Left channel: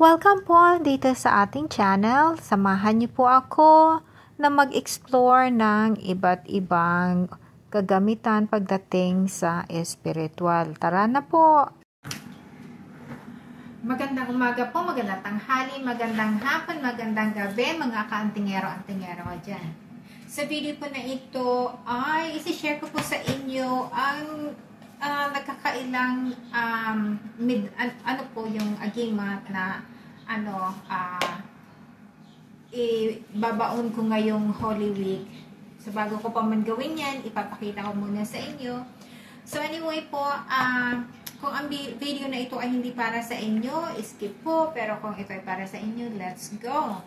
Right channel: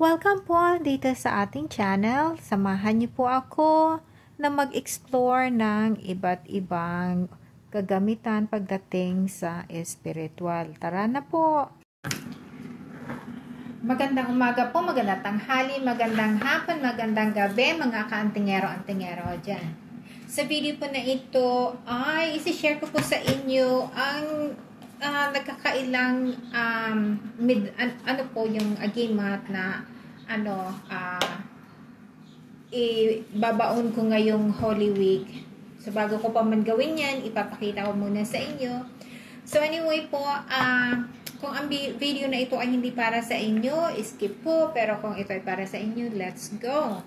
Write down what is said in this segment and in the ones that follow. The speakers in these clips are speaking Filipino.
Welcome po dito sa ating channel. Samahan niyo po ako na mag-explore ng iba't ibang kagamitan pagdating sa espiritual. Tara na po! Magandang umaga po, magandang tanghali, magandang hapon, magandang gabi mga ka-antingero-antingero ko dyan. Sa video po na ito ay isi-share ko po sa inyo ang nagkakailang ano po yung agimat na ibabaon ko ngayong Holy Week. So bago ko pa man gawin yan, ipapakita ko muna sa inyo. So anyway po, kung ang video na ito ay hindi para sa inyo, skip po. Pero kung ito ay para sa inyo, let's go!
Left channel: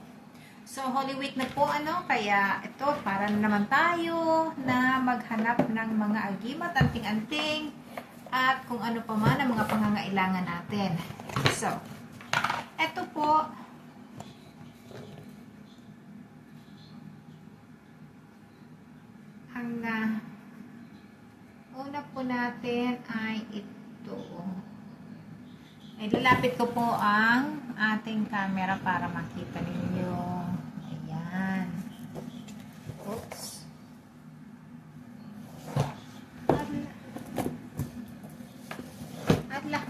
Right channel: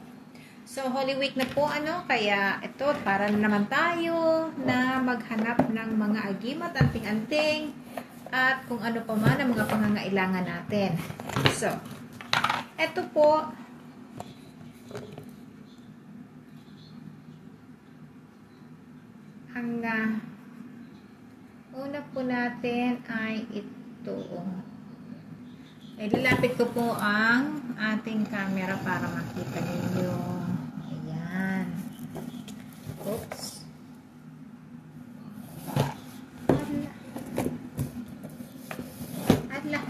So, Holy Week na po, kaya ito, para naman tayo na maghanap ng mga agimat, anting-anting, at kung ano pa man ang mga pangangailangan natin. So, ito po, ang una po natin ay ito. Ay, lalapit ko po ang ating camera para makita ninyo. Ayan. Oops. Ala.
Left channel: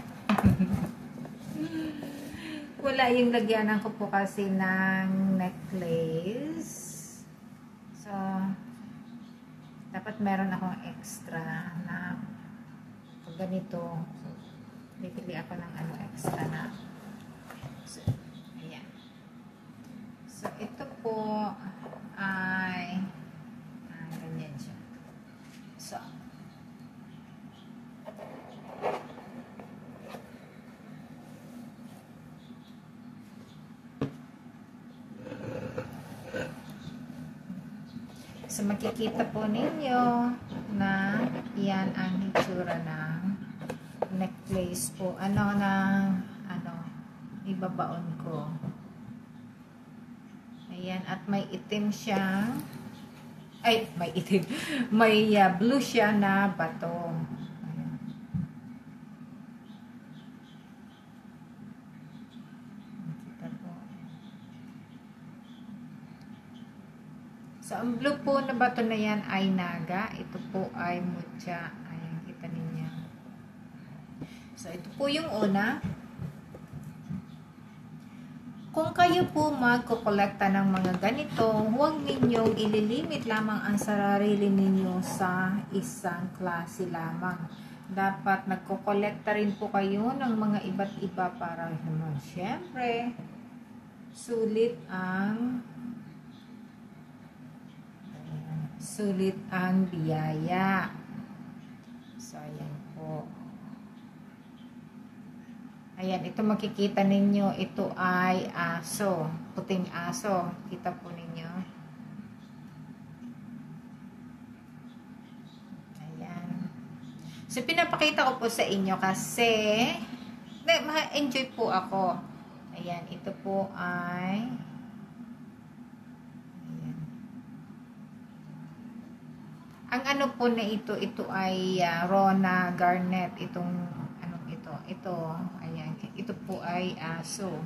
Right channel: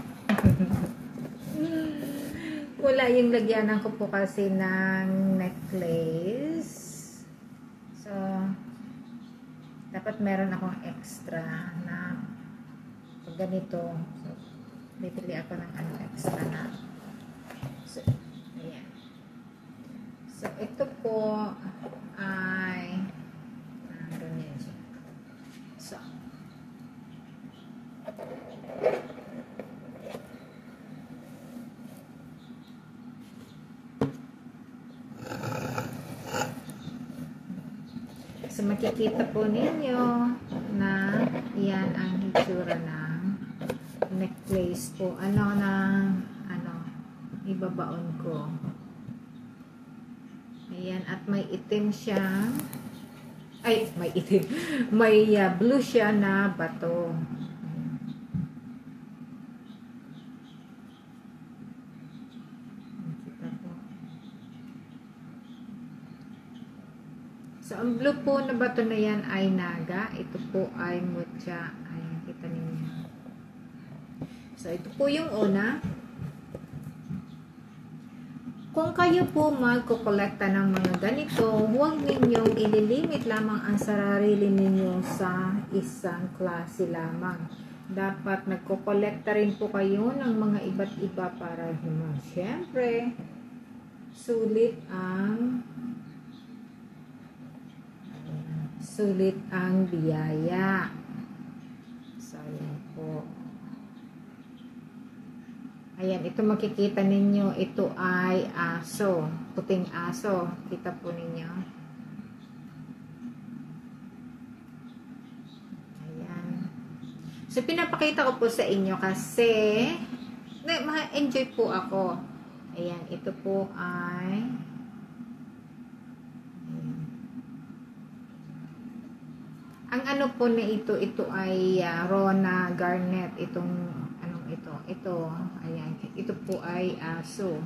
Wala yung lagyanan ko po kasi ng necklace. So, dapat meron akong extra na pag ganito. So, bibili ako ng extra na. So, ayan. So, ito po ay ganyan siya. So, so makikita po ninyo na yan ang hitsura ng necklace po. Ibabaon ko. Ayan, at may itim siyang may itim. May blue siya na bato. So, ang blue po na bato na yan ay naga. Ito po ay mucha. Ayan, kita ninyo. So, ito po yung una. Kung kayo po magkukolekta ng mga ganito, huwag ninyong ililimit lamang ang sarili ninyo sa isang klase lamang. Dapat nagkukolekta rin po kayo ng mga iba't iba para siyempre, sulit ang biyaya. So, ayan po. Ayan, ito makikita ninyo, ito ay aso, puting aso. Kita po ninyo. Ayan. So, pinapakita ko po sa inyo kasi ma-enjoy po ako. Ayan, ito po ay ang ano po na ito ay Rona Garnet. Ito, ayan. Ito po ay aso.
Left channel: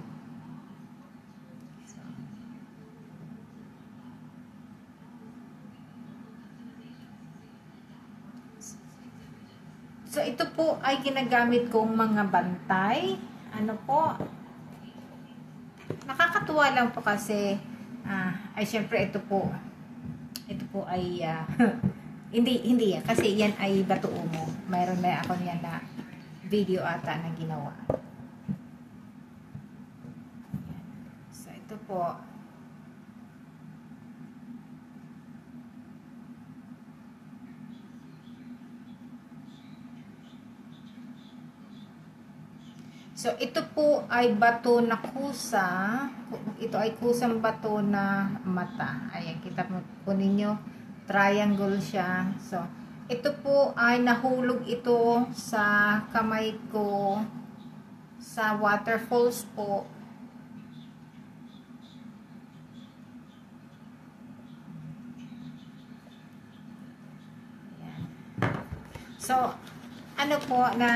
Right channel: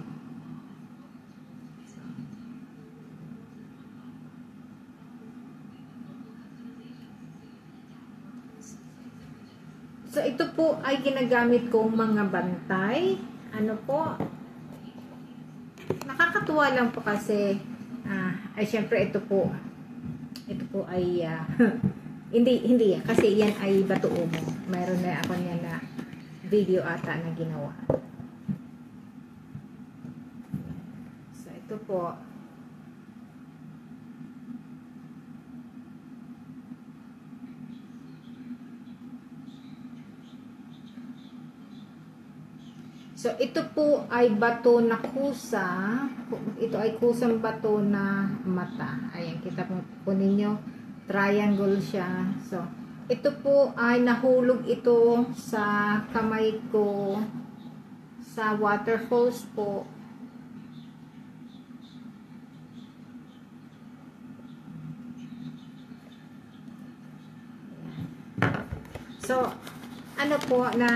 So, ito po ay ginagamit kong mga bantay. Ano po? Nakakatuwa lang po kasi syempre ito po ay hindi kasi yan ay bato umo. Mayroon na ako yan na video ata na ginawa. So, ito po. So, ito po ay bato na kusa. Ito ay kusang bato na mata. Ayan, kita po ninyo. Triangle siya. So, ito po ay nahulog ito sa kamay ko sa waterfalls po. So, ano po na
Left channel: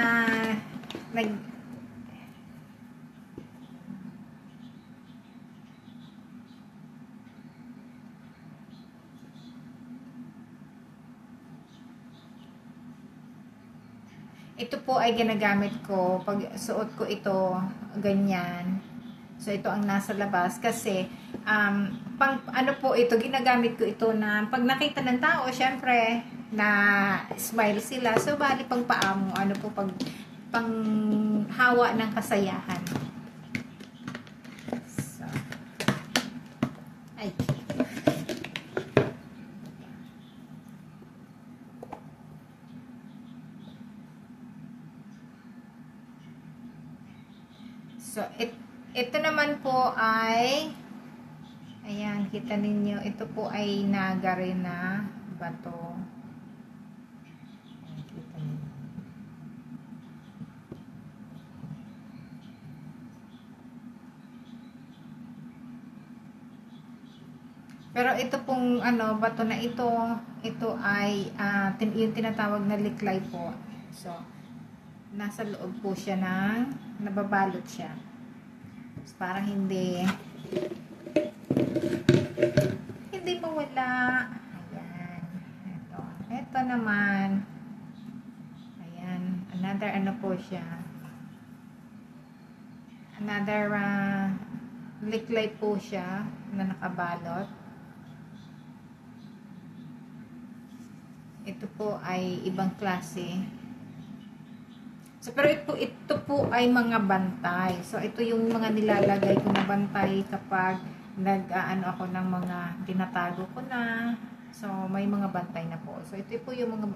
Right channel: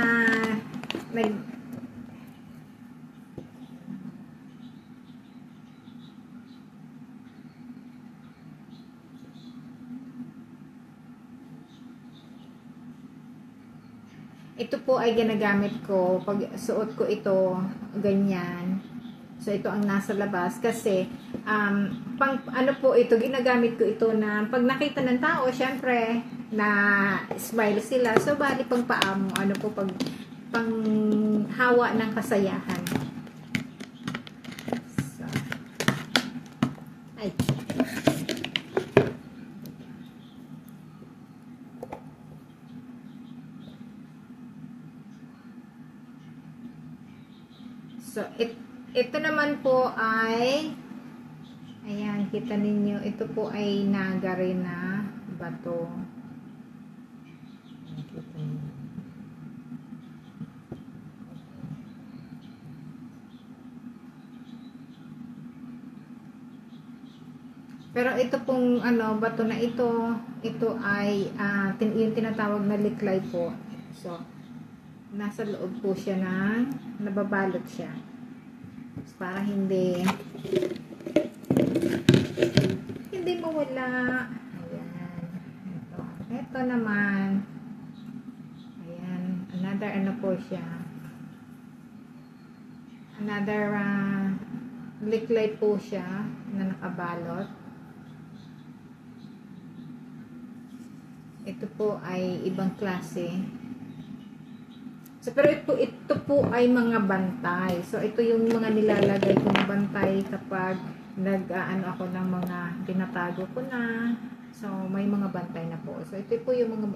ito po ay ginagamit ko pag suot ko ito ganyan. So ito ang nasa labas kasi pang ano po ito, ginagamit ko ito na pag nakita ng tao, syempre na smile sila. So bali pag paamo, ano po pag pang hawa ng kasayahan. So, ay. So, ito naman po ay, ayan, kita ninyo, ito po ay naga rin na bato. Pero ito pong ano, bato na ito ay yung tinatawag na liklay po. So, nasa loob po siya ng nababalot siya. So, para hindi mawala. Ayan. Ito naman. Ayan. Another ano po siya. Another liklay po siya na nakabalot. Ito po ay ibang klase. So, pero ito po ay mga bantay. So, ito yung mga nilalagay ko na bantay kapag nag-ano ako ng mga tinatago ko na. So, may mga bantay na po. So, ito po yung mga,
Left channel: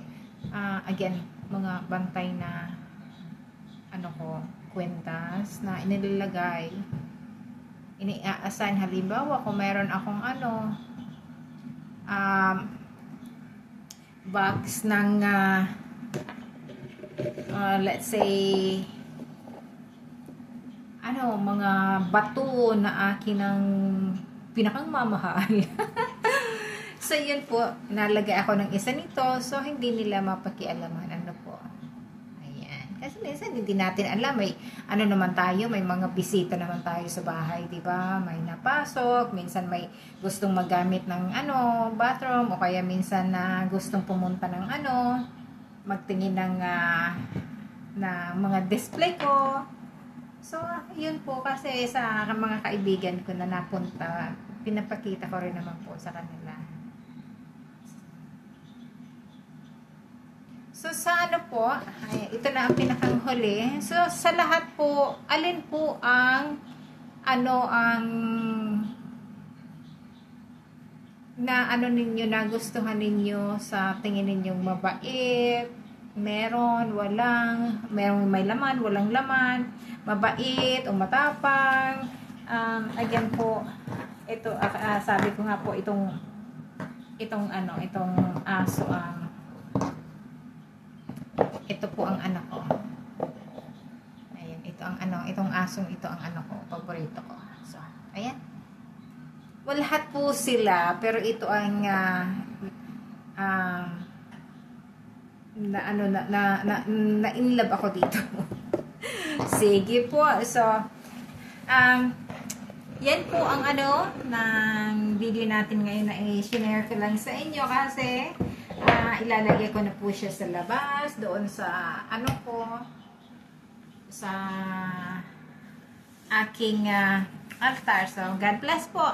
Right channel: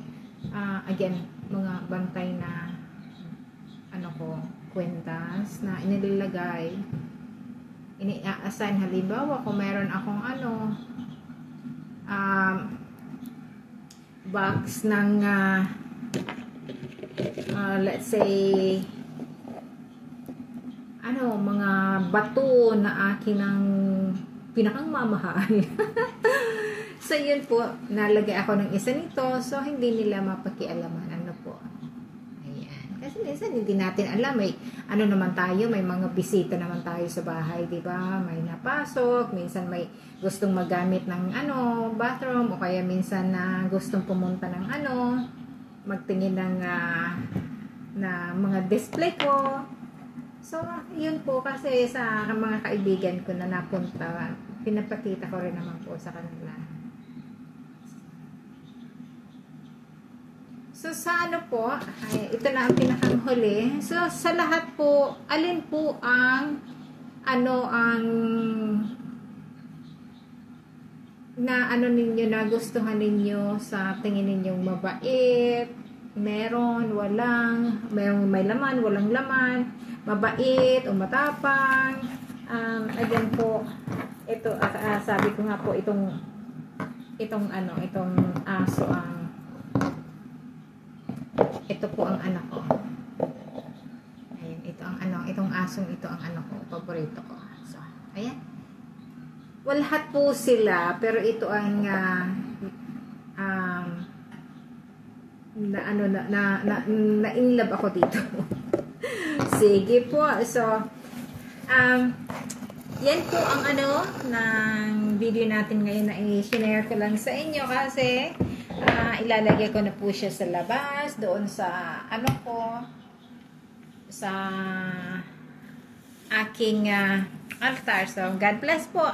again, mga bantay na, ano ko, kwentas na inilalagay. Ini-assign, halimbawa, kung meron akong ano, box ng, let's say ano, mga bato na akin ang pinakang mamahal. So yun po, nalagay ako ng isa nito, so hindi nila mapakialaman ano po. Ayan, kasi minsan hindi natin alam, may ano naman tayo, may mga bisita naman tayo sa bahay, di ba? May napasok, minsan may gustong magamit ng ano, bathroom, o kaya minsan na gustong pumunta ng ano, magtingin ng na mga display ko. So, yun po kasi sa mga kaibigan ko na napunta, pinapakita ko rin naman po sa kanila. So, sa ano po, ay, ito na ang pinakang huli. So, sa lahat po, alin po ang ano ang na ano ninyo, nagustuhan ninyo sa tingin ninyong mabait, meron, walang, merong may laman, walang laman, mabait o matapang. Again po, ito, sabi ko nga po, itong aso ang, ito po ang anak ko. Ayan, ito ang ano, itong asong ito ang anak ko, paborito ko. So, ayan. Well, lahat po sila, pero ito ang na in love ako dito. Sige po. So, yan po ang ano ng video natin ngayon na i-share ko lang sa inyo kasi ilalagay ko na po siya sa labas doon sa ano ko sa aking altar. So, God bless po.